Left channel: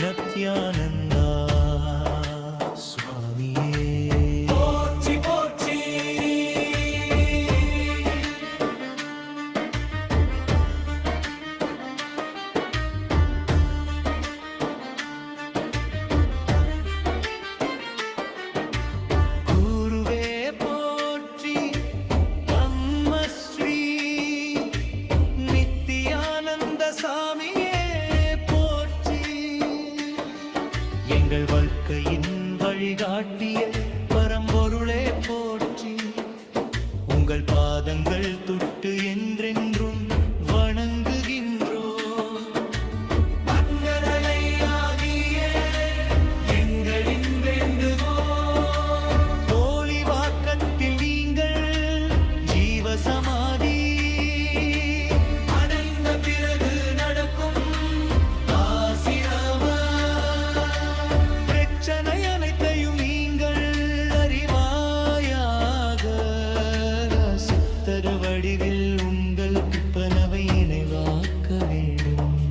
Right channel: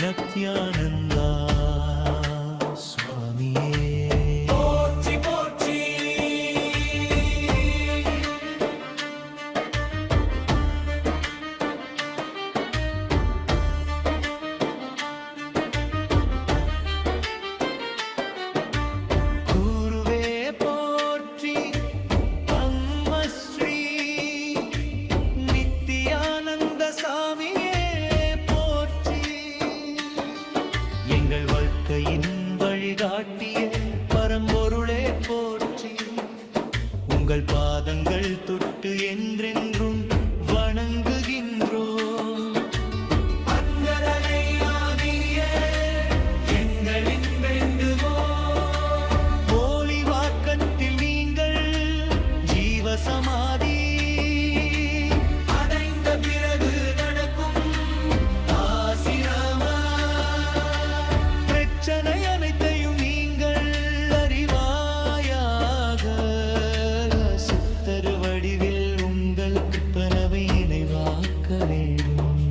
நித்யானந்தா சுவாமியே போற்றி போற்றி. குருவே போற்றி, பத்மஸ்ரீ நித்யானந்த சாமியே போற்றி. எங்கள் வாழ்க்கையின் வழிகாட்டிய பரம்பொருளே போற்றி. உங்கள் பாதங்கள் தொட்டு என்றென்றும் வணங்குகின்றோம். போலி வாக்கத்தில் நீங்கள் ஜீவசமாதி அடைந்த பிறகு நடக்கும் ஆசிரம பிரச்சனை அனைத்தையும் நீங்கள் அறிவாயாக. சித்தர் வடிவில் உங்கள் கிருப்பனவை நினைவாக்க வேண்டும்.